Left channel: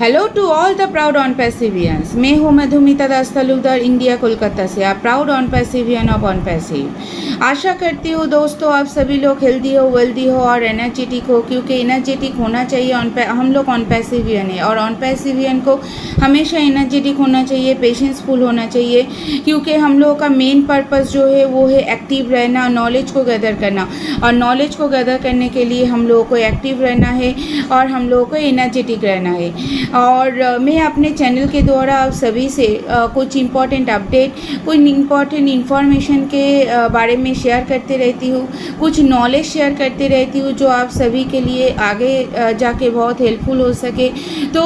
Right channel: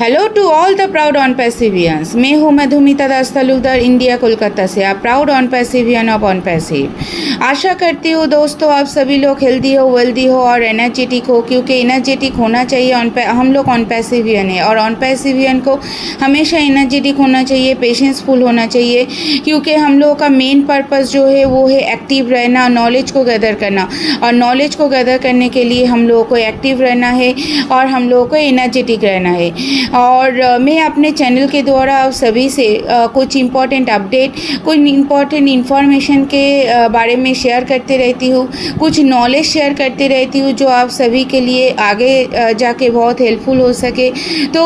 Hello to all the proud on passivians. मैं हूँ Madhumita Das Talukdar, India Kolkata से। आप proud on passivian of on passive. आशा करती हूँ दोस्तों आप सभी लोग हेल्दी हो, वेल्दी हो और एनर्जेटिक हो, क्योंकि एनर्जेटिक होना चाहिए। हम लोग ऑन पैसिवियन है और ऑन पैसिवियन को हमेशा एनर्जेटिक होना चाहिए, पेशेंसफुल होना चाहिए, क्योंकि हम लोगों का मेन पर्पज़ जो है वो है एक्टिव रहना, नॉलेज को गैदर करना। और नॉलेज को गैदर करने के लिए हम लोगों को एक्टिव रहना है और हम लोगों को एनर्जेटिक रहना है। और मैं अपने चैनल के द्वारा आप सभी से कुछ इम्पॉर्टेंट अपडेट, कुछ इम्पॉर्टेंट इन्फॉर्मेशन के बारे में शेयर करते रहती हूँ, कुछ नॉलेज शेयर करते रहती हूँ जो आप सभी के लिए आगे जाके बहुत हेल्पफुल हो सके। तो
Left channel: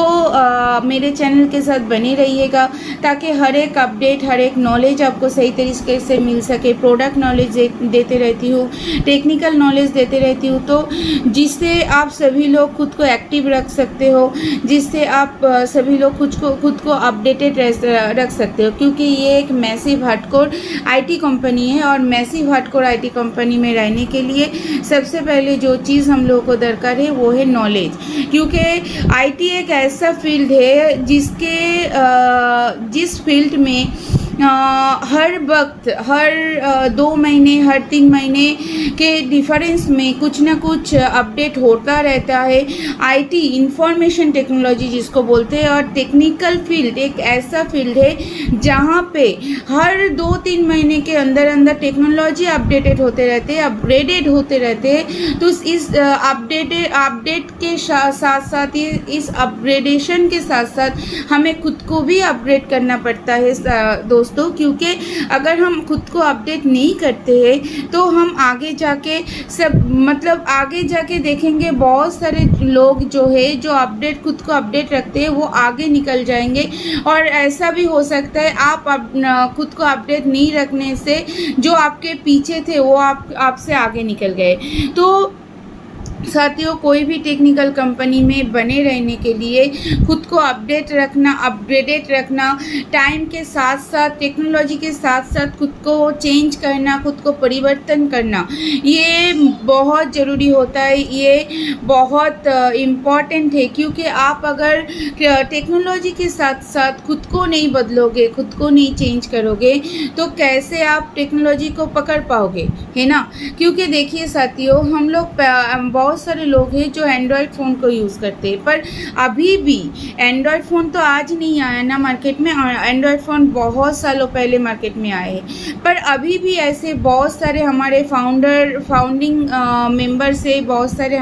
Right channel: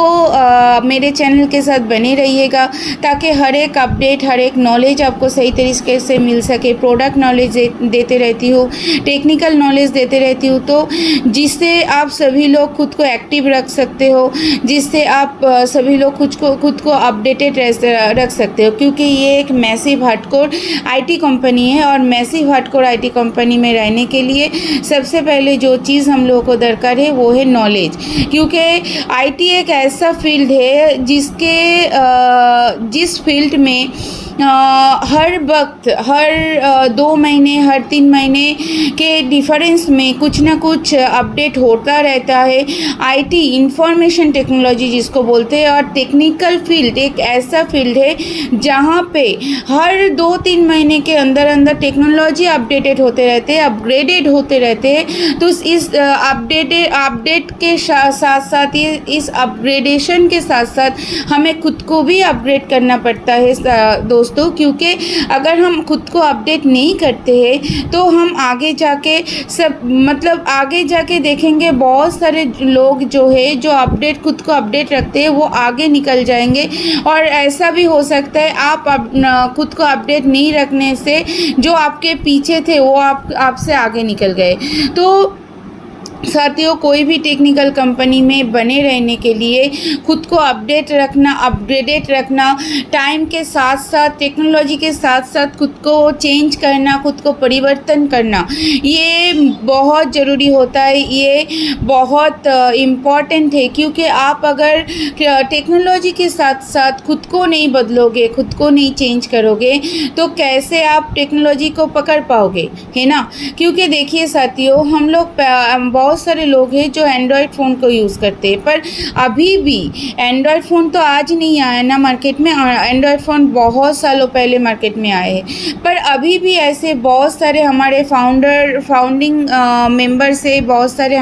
मेरे चैनल के साथ बने रहिएगा ताकि हर एक अपडेट, हर एक नॉलेज आपको सही तरीके से मिल सके। प्रोडक्ट नॉलेज देते रहती हूँ, टेक्निकल नॉलेज देते रहती हूँ, तो जिससे आप सभी लोग खुद को एक्टिव रख सकते हो, जिससे आप सभी लोग खुद को अपडेटेड रख सकते हो। क्योंकि ये एक मैसिव हार्डकोर आईटी कंपनी है और मैसिव हार्डकोर आईटी कंपनी में रहने के लिए सबसे पहले जो चीज़ हम लोगों को दरकार है वो है नॉलेज। क्योंकि आईटी एक ऐसा फील्ड है जिस फील्ड में हर वक्त, हर 2 महीने, हर 3 महीने के डिफरेंस में कुछ ना कुछ अपडेट होता रहता है। आईटी इंफॉर्मेशन टेक्नोलॉजी जिसको बोलते हैं, और टेक्निकल फील्ड एक ऐसा फील्ड है जहाँ पे हर 2-3 महीने के अंदर अंदर टेक्नोलॉजी अपडेटेड होते रहते हैं, अपग्रेडेड होते रहते हैं। तो इस अपडेट के साथ साथ इस अपग्रेडेशन के साथ साथ हमें खुद को भी अपग्रेड करना पड़ता है दोस्तों। क्योंकि अगर हम खुद को अपडेट नहीं करते हैं तो हम आगे जाके आगे जाके देखेंगे बहुत सारे लोग जो है जो खुद को अपडेट रखते हैं वो आगे निकल जाएंगे। और ऐसा भी हो सकता है आप खुद को अपडेट नहीं रखने से जो आपके पीछे थे वो आपसे आगे निकल गए। तो साथियों, कोई भी टेक्निकल कंपनी में बने रहने के लिए खुद को अपडेट रखना, अपग्रेडेड रखना, टाइम के साथ साथ, टेक्नोलॉजी के साथ साथ खुद को चेंज करना, खुद को परिवर्तन करना, ये बहुत ज़रूरी होता है। ये बहुत इम्पॉर्टेंट है। क्योंकि आप अगर टेक्नोलॉजी के साथ साथ खुद को नहीं बदलोगे, खुद को नहीं चेंज करोगे तो कैसे आप टेक्नोलॉजी को पकड़ पाओगे, है ना। क्योंकि देखिए साथियों, हम लोग बहुत सारे लोग हैं जो एंड्रॉयड फ़ोन को यूज़ करते हैं, पर अभी भी एंड्रॉयड फ़ोन तो आज नहीं आया ना मार्केट में। एंड्रॉयड फ़ोन बहुत सालों पहले मार्केट में आए हैं, पर अभी भी ऐसे बहुत सारे हमारे फाउंडिंग मेंबर से, बहुत सारे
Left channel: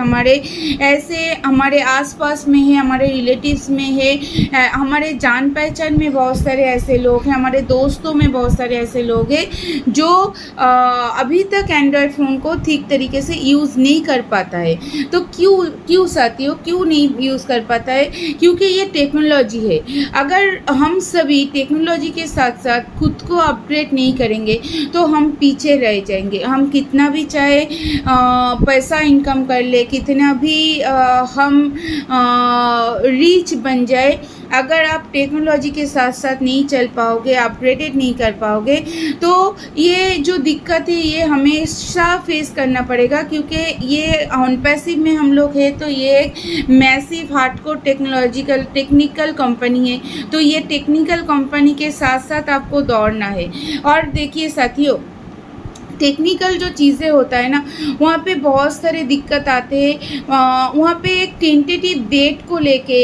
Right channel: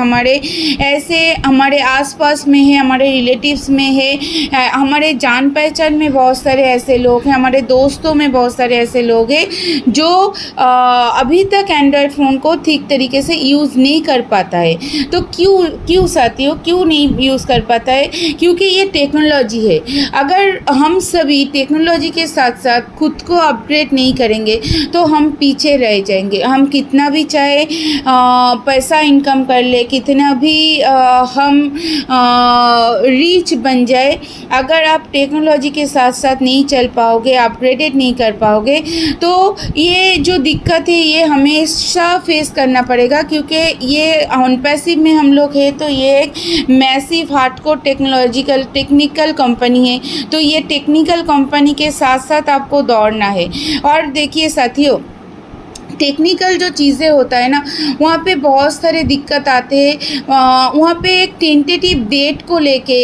हमारे आसपास में है, हमारे रिलेटिव्स में है, हमारे जान पहचान में बहुत सारे ऐसे लोग हैं, हमारे दोस्तों में बहुत सारे ऐसे लोग हैं जो अभी तक एंड्रॉयड फ़ोन को ठीक तरीके से यूज़ नहीं कर पाता है। तो क्यों साथियों, क्यों नहीं यूज़ कर पाता है? क्योंकि ये टेक्नोलॉजी है। अगर हम सभी टेक्नोलॉजी के साथ साथ खुद को अपग्रेड नहीं करेंगे तो हम पीछे रह जाएंगे। हम कितना भी चाहे पैसा इनकम कर ले, कितना भी हम रीच बन जाए, अगर आप टेक्नोलॉजी के साथ साथ नहीं चल पाओगे, अपग्रेडेड नहीं कर पाओगे, तो ये जो दिक्कत है ये हमेशा फेस करना पड़ेगा। क्योंकि ये ऑन पैसिव में हम लोग हैं तो ये एक मैसिव हार्डकोर टेक्निकल कंपनी है। तो ये टेक्निकल कंपनी के साथ साथ आपको दौड़ना है। और देखिए साथियों, टेक्निकल जो चीज़ें होता है ना, वहाँ पे बहुत सारे दिक्कत आते हैं। वहाँ पे एक टेंटेटिव डेट को लेके,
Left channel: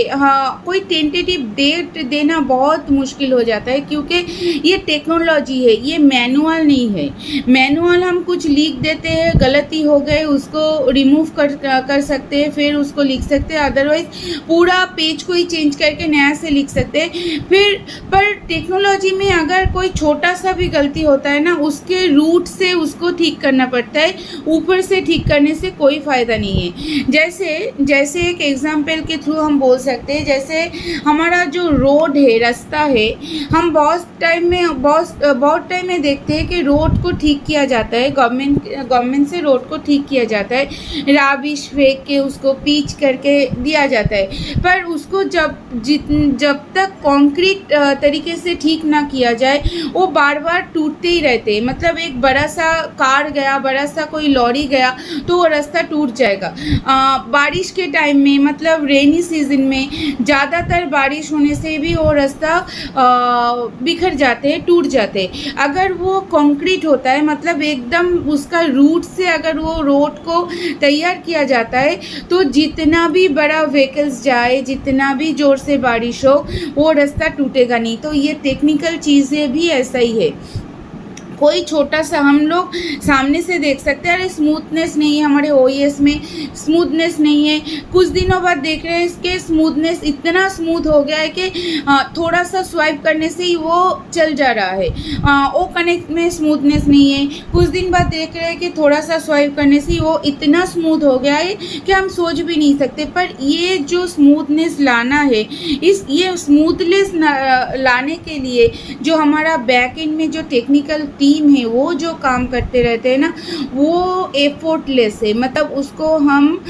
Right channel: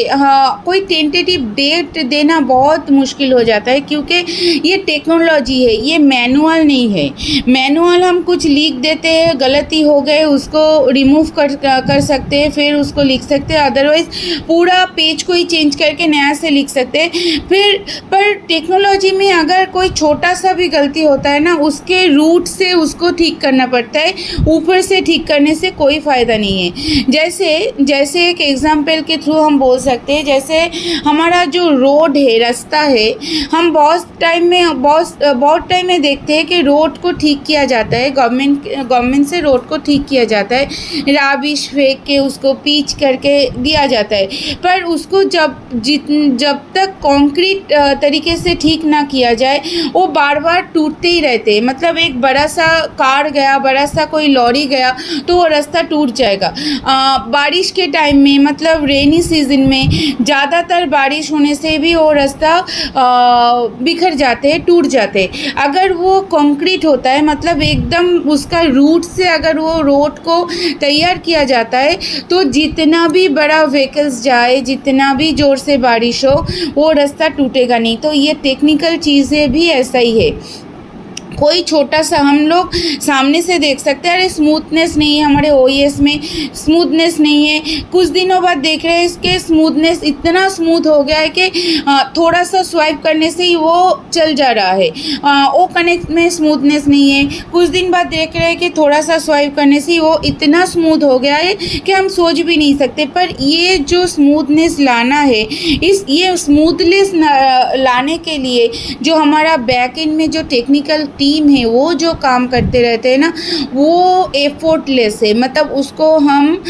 कोई टेंटेटिव डेट देना बहुत मुश्किल हो जाता है। क्योंकि ये टेक्नोलॉजी है, ये मैनुअल नहीं है। मैनुअल हम कुछ लिख देते हैं, गलती हो गए उसको रिमूव कर सकते हैं, फिर उसको लिख सकते हैं, अदरवाइज़ पूरा पेज को ही चेंज करके नया से लिख सकते हैं। पर टेक्नोलॉजी में अगर कोई छोटा सा भी गलती होता है ना, उसके रूट से उसको ठीक करना पड़ता है, ऊपर से ठीक करने से कोई फ़ायदा नहीं है। जैसे एक एग्जाम्पल के थ्रू हम बोल सकते हैं, जैसे हमारा जो रोड है, रास्ता है, हम बहुत टाइम में देखते हैं कि रोड को ठीक किया जाता है, गवर्नमेंट से रोड को ठीक किया जाता है, राबिश फेंक के उसको पीच करके दिया जाता है। पर उसको जब तक कंक्रीट तरीके से ठीक ना किया जाए वो बार बार टूटते ही रहते हैं। मतलब एक बड़ा सा कार गया, बड़ा सा कोई लॉरी गया तो वो रास्ता टूट जाएगा। बारिश के टाइम में मतलब रेनी सीजन में ज़्यादातर बारिश होने से भी वो रास्ता बिखर जाते हैं, टूट जाते हैं। अगर वो कंक्रीट होता है मतलब एकदम उसका रूट से अगर वो रोड को तैयार किया जाता है तो जितना भी बड़ा व्हीकल्स जाए, जितना भी ज़ोर से बारिश हो, वो रास्ता टूटेगा नहीं। तो ये टेक्निकल चीज़ें भी ऐसा ही है। कोई छोटा सा हम लोग सामने से देख सकते हैं, अरे स्मूथनेस नहीं है हमारे ओईएस में, स्मूथनेस नहीं है। कुछ दिनों बाद देख रहे हैं इसके स्मूथनेस इतना स्मूथ हो गया है कि थोड़ा सा स्वाइप करने से ही वो चल जा रहा है। ओ कनेक्ट में स्मूथनेस नहीं है। कुछ दिन बाद देख रहे हैं कि थोड़ा सा स्वाइप करने से ही वो इतना स्मूथ हो गया है कि हम सोच भी नहीं सकते। पर ये जो स्मूथनेस लाना है, ये स्मूथनेस लाने के लिए जो हमारा बैक एंड में जो टेक्निकल टीम है वो जो काम करते रहते हैं ना, वो एफर्टलेस है। मतलब उसको हम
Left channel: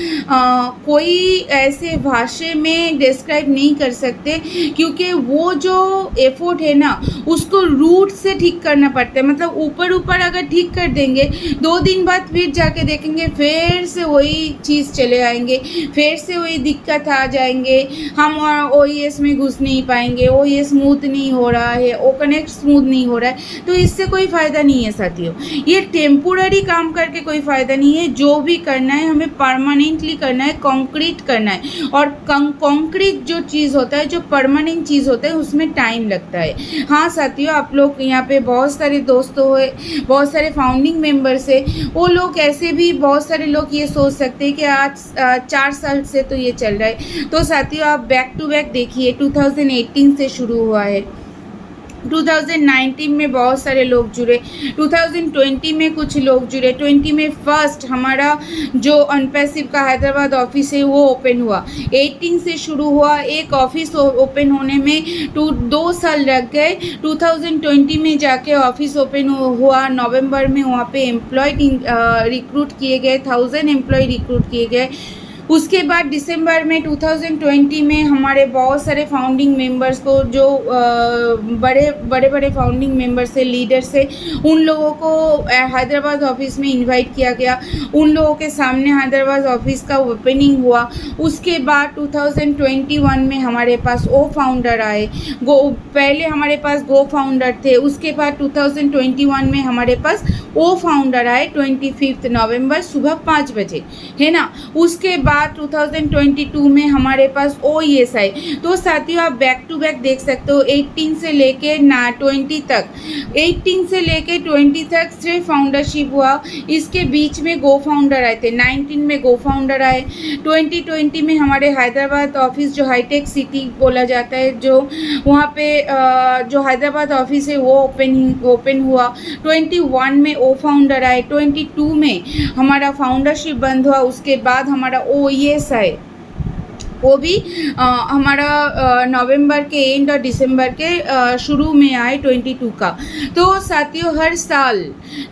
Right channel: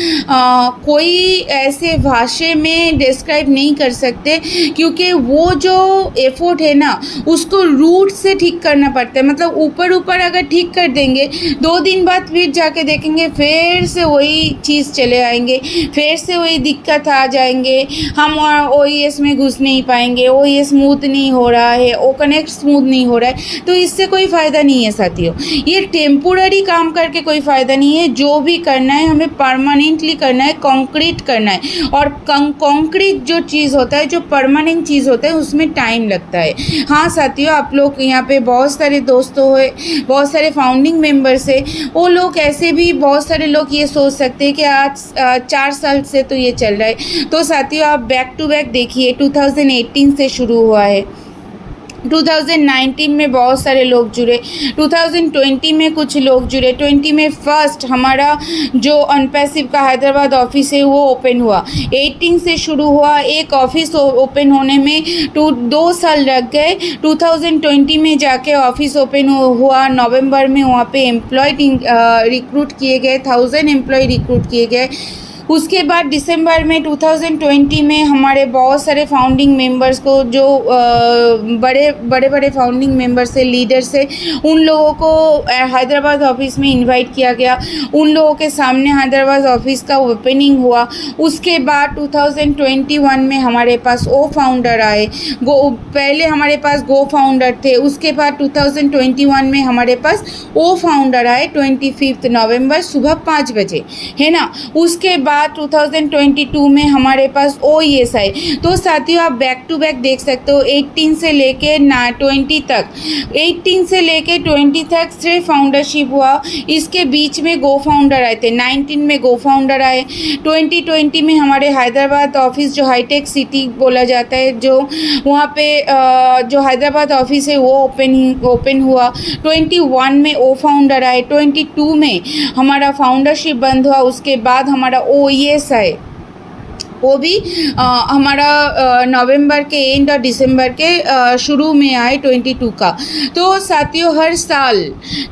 कोई ऐसे भाषा में डिस्क्राइब नहीं कर सकते, क्योंकि वो जो एफर्ट है ना उसको रूट से ठीक करना पड़ता है। मतलब ऊपर ऊपर अगर ठीक कर देंगे, 2 दिन बाद फिर जाके देखेंगे फिर से वही चीज़ चले आएंगे, फिर से वही दिक्कत आ जाएंगे। हम ओईएस में घुस नहीं पाएंगे, ओईएस स्मूथ नहीं हो रहा है, ओ कनेक्ट स्मूथ नहीं हो रहा है। तो इससे कोई फ़ायदा नहीं है साथियों। ये टेम्पोररी काम करके कोई फ़ायदा नहीं है। जो भी करना है हमें परमानेंटली करना है, कंक्रीट करना है। और कंक्रीट जो चीज़ होता है, जो परमानेंट चीज़ होता है, उसमें टाइम लगता है। हाँ साथियों, आप लोग यहाँ पे बहुत सारे दोस्तों है, बहुत सारे फाउंडिंग मेंबर्स है, वो लोग ऐसे भी बहुत सारे लोग ये सोच सकते हैं कि आज 4 साल से तो ये चल रहा है। तो साथियों आप बैक टू बैक देखिए, 2018 से शुरू हुआ है, 2019 में बहुत सारे लोग जुड़े, 2020 में कुछ लोग जुड़े, 20 में फर्स्ट हमारा जो अनपैसिव का हैदराबाद ऑफिस है वो ओपन हुआ, 18 से शुरू हुआ। एक ऑफिस ओपन होने में 2 साल लग गए। 2020 में जाके ऑफिस ओपन हुआ, नवंबर में वहाँ पे एम्प्लॉय रिक्रूट किए गए, 1000 एम्प्लॉय रिक्रूट किए गए। उसके बाद दिसंबर में 2020 में हमारे बहुत सारे फाउंडिंग मेंबर्स को, जो बड़े बड़े फाउंडिंग मेंबर्स से, लीडर्स से, उन लोगों को हैदराबाद ऑफिस में इनवाइट किया गया। उन लोगों के सामने हैदराबाद ऑफिस का ओपनिंग हुआ। उसके बाद 2021 में हमारे पास ओ फाउंडर आए। पहले हमारे पास गो फाउंडर थे, उसके बाद 2021 में हमारे पास ओ फाउंडर आए 25 नवंबर सुबह 5 बजे, है ना। उसके बाद 2022 में हमारे पास ओईएस आए। तो साथियों आप बैक टू बैक देख सकते हो, 18 से लेके 20 तक, 18 से लेके 20 तक सिर्फ फाउंडरशिप हुआ। इसके बीच में गो फाउंडर आए थे, 19 में गो फाउंडर आए, 2020 में हमारे हैदराबाद ऑफिस जो हाईटेक सिटी बोला जाता है, जो वहाँ पे जो हैदराबाद ऑफिस है वो ओपन हुआ। 21 में ओ फाउंडर आए, 22 में हमारा फाउंडरशिप बंद हुआ। उसके बाद हमारा ओईएस आए, वो भी हमारा नवंबर के एंड और दिसंबर के शुरू में आए 22 का। तो साथियों हर साल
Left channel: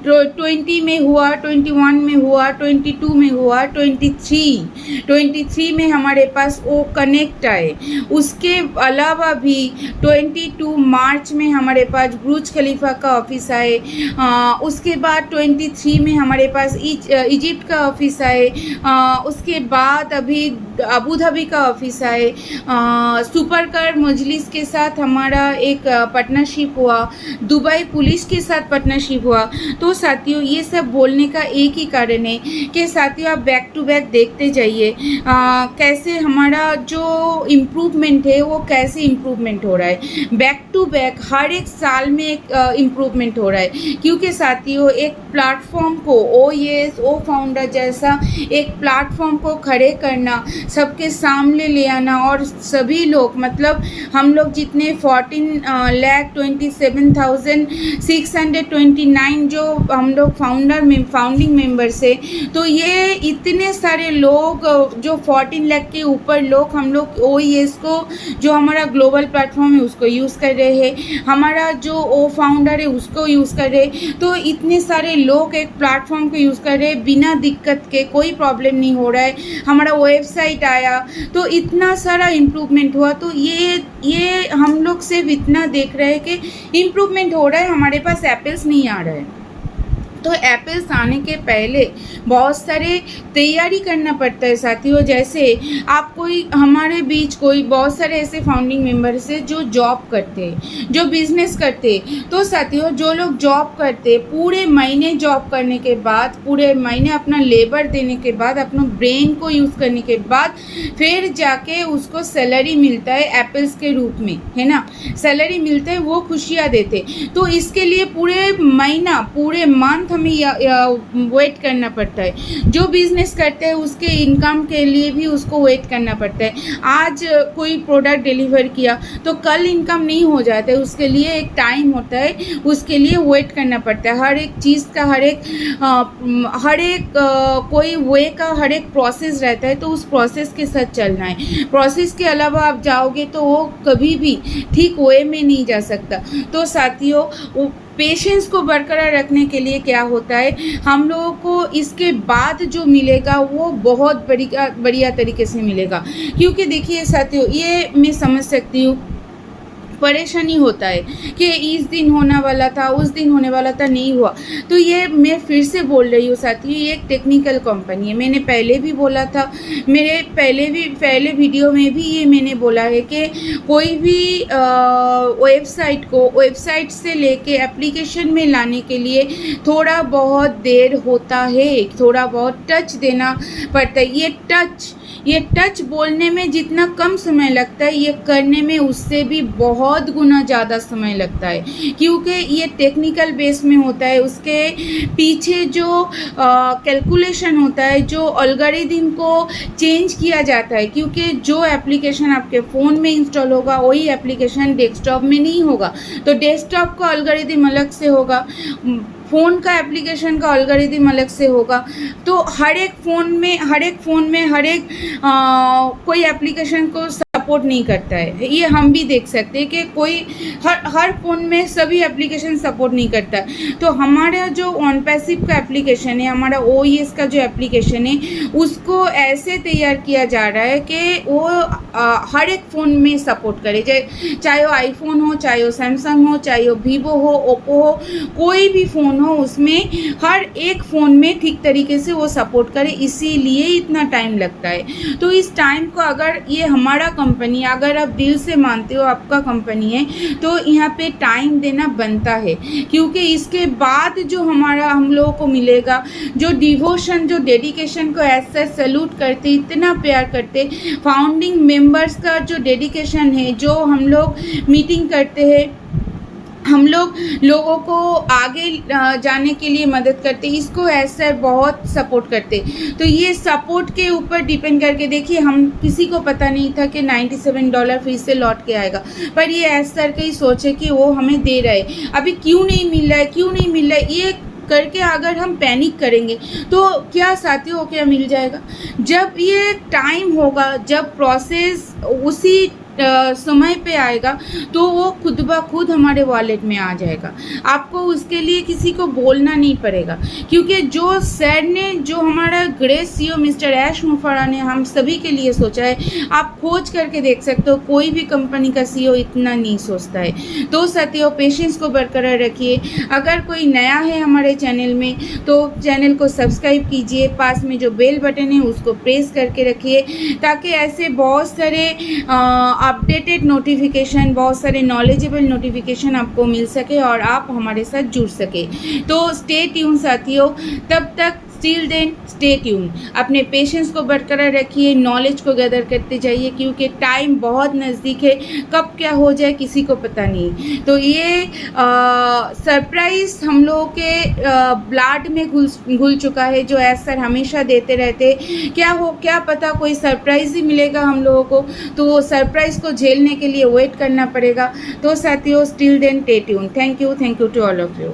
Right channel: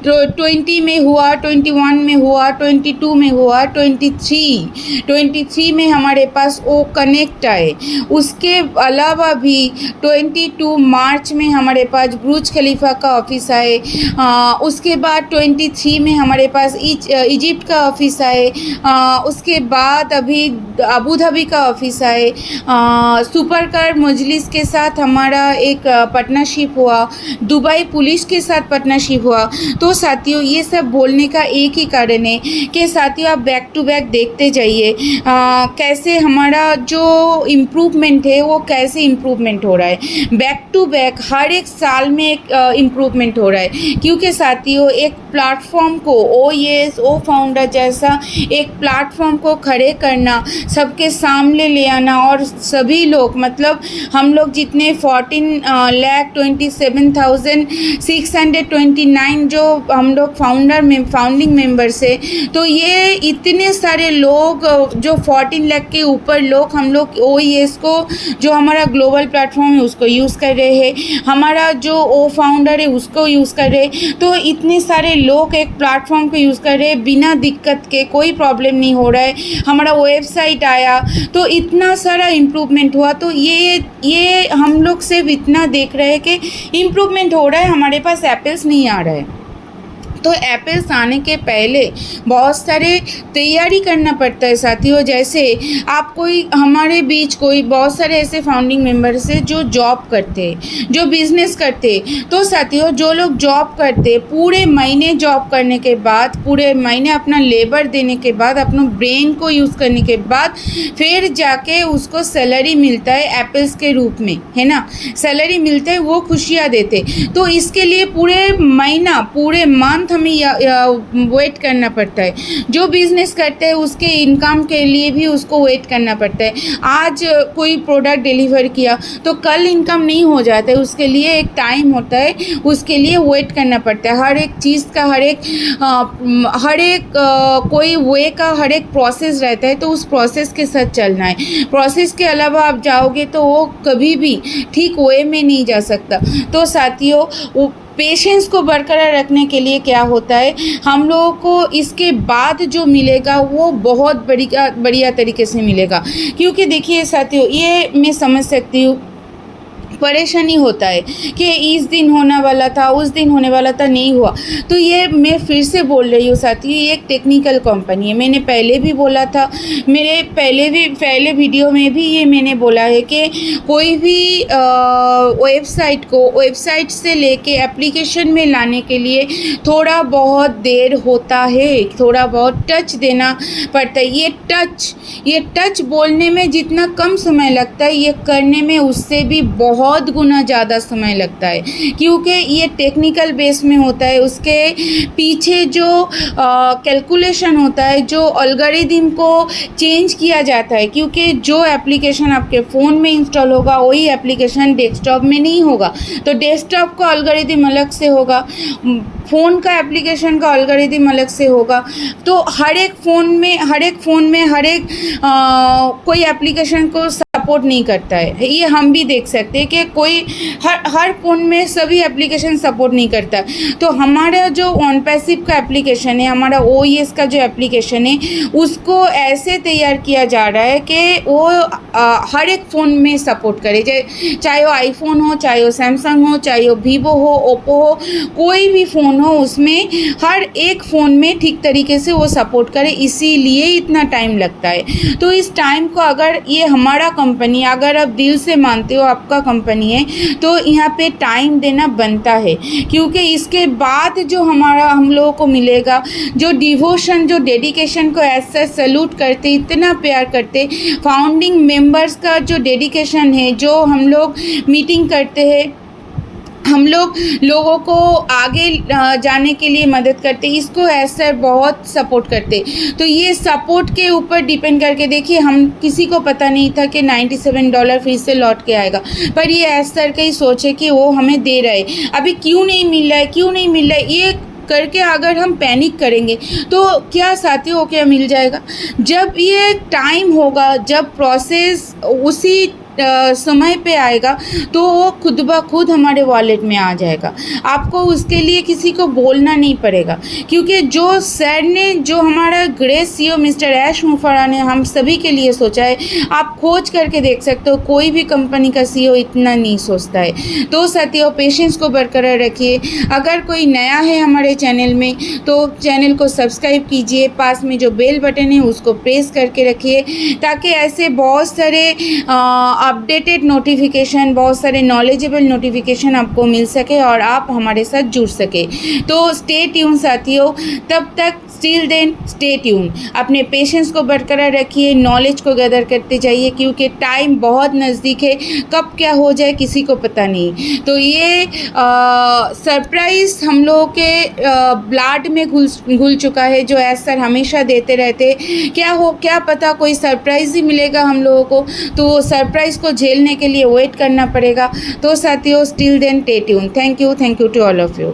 20 में हुआ, 21 में हुआ, 22 में हुआ, 23 में हमारे पास ओ कनेक्ट आए। उसके अलावा भी 22 मार्च में हमारे पास बुर्ज खलीफा का ऑफिस आए। उसके बाद 23 में हमारे पास इजिप्ट का ऑफिस आए। उसके बाद अभी अबू धाबी का ऑफिस आए। सुपर कार मजलिस के साथ हमारा एक पार्टनरशिप हुआ, दुबई पुलिस के साथ पार्टनरशिप हुआ। तो साथियों ये सब बोलने का एक ही कारण है कि साथियों आप बैक टू बैक देखते जाइए कैसे हमारा जो इम्प्रूवमेंट है वो कैसे इम्प्रूवमेंट हो रहा है। बैक टू बैक हर एक साल में एक इम्प्रूवमेंट हो रहा है, क्योंकि साथियों एक प्लेटफॉर्म को ओईएस ओ फाउंडर जैसा एक प्लेटफॉर्म को खड़े करना, सबके सामने ले आना, और सभी लोग मतलब हम लोग जितने 14,27,629 जो हम लोग फाउंडिंग मेंबर्स है, तो ये इतने सारे लोग जो 14 लाख के ऊपर लोग हम लोग ओईएस को जो हमारा ग्लोबल प्लेटफॉर्म है उसको यूज़ कर रहे हैं, हमारा जो ओ फाउंडर है उसको यूज़ कर रहे हैं। तो इतने सारे लोग एक प्लेटफॉर्म को यूज़ कर रहे हैं बिना दिक्कत के, कोई प्रॉब्लम नहीं हो रहा है। हमारा वेबसाइट आया तो इतना सारा इम्प्रूवमेंट हुआ। तो ये हम लोग सिर्फ इतना देख रहे हैं कि इम्प्रूवमेंट हो रहा है, हमारे पास एप्पल्स नहीं आ रहा है। तो एप्पल्स आने के पहले बहुत सारे तैयारी करना पड़ता है साथियों। जैसे आप हमारे बीच कोई बहुत सारे ऐसे फाउंडिंग मेंबर्स हैं जो जॉब करते हैं, जो बिजनेस करते हैं। तो साथियों, जो लोग जॉब करते पूरे महीने जॉब करने के बाद, पूरे महीने अपना लेबर देने के बाद, अपना ब्रेन को यूज़ करने के बाद फिर जाके उसको सैलरी मिलता है एप्पल्स के रूप में, है ना। सैलरी मिलता है, वो खुशियाँ देते। तो इसके लिए पूरे महीना, पूरे मंथ हमें वेट करना पड़ता है। जो बिज़नेस करते हैं उसके इनकम के लिए भी उसको वेट करना पड़ता है। आज कोई प्रोडक्ट डिलीवर किया तो कल इनकम नहीं हो जाता है, उसके लिए एक टाइम होता है, उसके लिए वेट करना पड़ता है। हर एक चीज़ का हर एक कोई वे का हर एक प्रोसेस रहता है, तो उस प्रोसेस के साथ चलना है। प्रोसेस के अलावा आप जाओगे तो वो कभी भी ठीक वे में नहीं जा सकता। तो साथियों, पेशेंस को बरकरार रखने के लिए क्या होता है, हम लोगों को इसके बाद जो मिलेगा वो बहुत बढ़िया तरीके से मिलेगा। क्योंकि देखिए साथियों, ये मैं समझ सकती हूँ, परेशानी होता है कि इस दिन होने वाला था, उस दिन होने वाला था, नहीं हुआ। तो ये मैं फिर से बोल रही हूँ साथियों, ये एक टेक्निकल कंपनी है। मैंने पहले भी बोला था, मेरे पहले वीडियो में भी ये मैंने बोला है कि कोई भी वेबसाइट से लेके एप्लीकेशन में लाने के लिए थोड़ा बहुत देर होता है, थोड़ा बहुत टच देना पड़ता है। ये टच बोलने में जितना कम समय लगता है, ये करने में उससे भी बहुत गुना ज़्यादा समय लगता है। क्योंकि ये टेक्निकल बेस में होता है, उसके पीछे जो कैलकुलेशन होता है, जो एल्गोरिथम को चेंज किया जाता है। क्योंकि जो एप्लीकेशन आपके फ़ोन में इंस्टॉल होगा वही एप्लीकेशन डेस्कटॉप में नहीं होगा। तो डेस्कटॉप का एल्गोरिथम अलग से होगा, फ़ोन का एप्लीकेशन का एल्गोरिथम अलग से होगा। तो हर एक फ़ोन में कोई एप्लीकेशन को सपोर्ट नहीं करता है। ये हम भी देख सकते हैं कि कोई हर फ़ोन में सभी एप्लीकेशन सपोर्ट नहीं करता है। तो हमारा जो OnPassive का एप्लीकेशन है, हमारा OES का जो एप्लीकेशन है, उसको ऐसे तैयार किया जा रहा है कि वो हर एक फ़ोन में सपोर्ट करे। चाहे वो आईफोन हो, चाहे वो सैमसंग हो, चाहे वो वीवो हो, ओप्पो हो, कोई भी फ़ोन हो, उसमें हर एक फ़ोन में ठीक तरीके से वो सपोर्ट करे। इसीलिए इतना टाइम लगता है। तो इस टाइम को, अगर ये हमारा कंपनी, अगर आप दिल से मानते हो आपका कंपनी है, तो यहाँ पे टाइम देना बनता है। क्योंकि इसके बाद जो हम लोगों को मिलेगा, जो डिवोशन, जो डेडिकेशन को ऐसा सैल्यूट करते, इतना प्यार करते, फाउंडिंग मेंबर्स का जो डेडिकेशन है, जो हम लोग मीटिंग करते हैं, हम लोगों को आगे जाने के लिए मदद करते, इसको ऐसा बहुत सपोर्ट करते। तो ये सपोर्ट के ऊपर डिपेंड करके देखिए, हम किसी को पता नहीं था कि $97 फिर से लौट के आएगा, पर ये ऐसा का ही सोच है कि वो हमें दे रहा है। अभी क्यों नहीं मिल रहा है, ये करके अगर हम पैनिक करेंगे तो क्या साथियों, क्या मिल जाएगा? जब ये टाइम होगा, जब प्रोसेस उसी समय पे आएगा, तो वो खुद ब खुद हमारे वॉलेट में आ जाएगा। आपको उसके लिए किसी को बोलना नहीं पड़ेगा। क्योंकि जो सर ने, जो हमारा ग्रेट CEO मिस्टर ऐश मुफर्रा ने हम सभी के लिए सोचा है, आप खोज करके देख सकते हो, कोई भी कंपनी का CEO इतना नहीं सोचता है। तो साथियों, पेशेंस को बरकरार रखिए। अगर कोई नया है हमारे चैनल में, तो चैनल को सब्सक्राइब कीजिए, पास में जो बेल बटन है उसको प्रेस करके रखिए, ताकि ऐसे बहुत सारे अपडेटेड नोटिफिकेशन, बहुत सारे नॉलेजेबल नोटिफिकेशन आपको मिल सके और आप हमारे साथ जुड़ सके। तो स्टे ट्यून साथियों, तब तक स्टिल देन स्टे ट्यून। अपने पेशेंस को बरकरार रखिए, नॉलेज को गैदर करते जाइए, क्योंकि टाइम बहुत नज़दीक है, कब क्या हो जाए किसी को पता नहीं। तो ये सरप्राइज़ हम लोगों के ब्लड में घुल चुका है, जो ऐसा हमेशा देते रहते। क्या पता कोई सरप्राइज़ ही मिलेगा हम लोगों को, तो वो सरप्राइज़ को झेलने के लिए वेट करना पड़ेगा। तो साथियों, still then stay tuned. Thank you to all of you.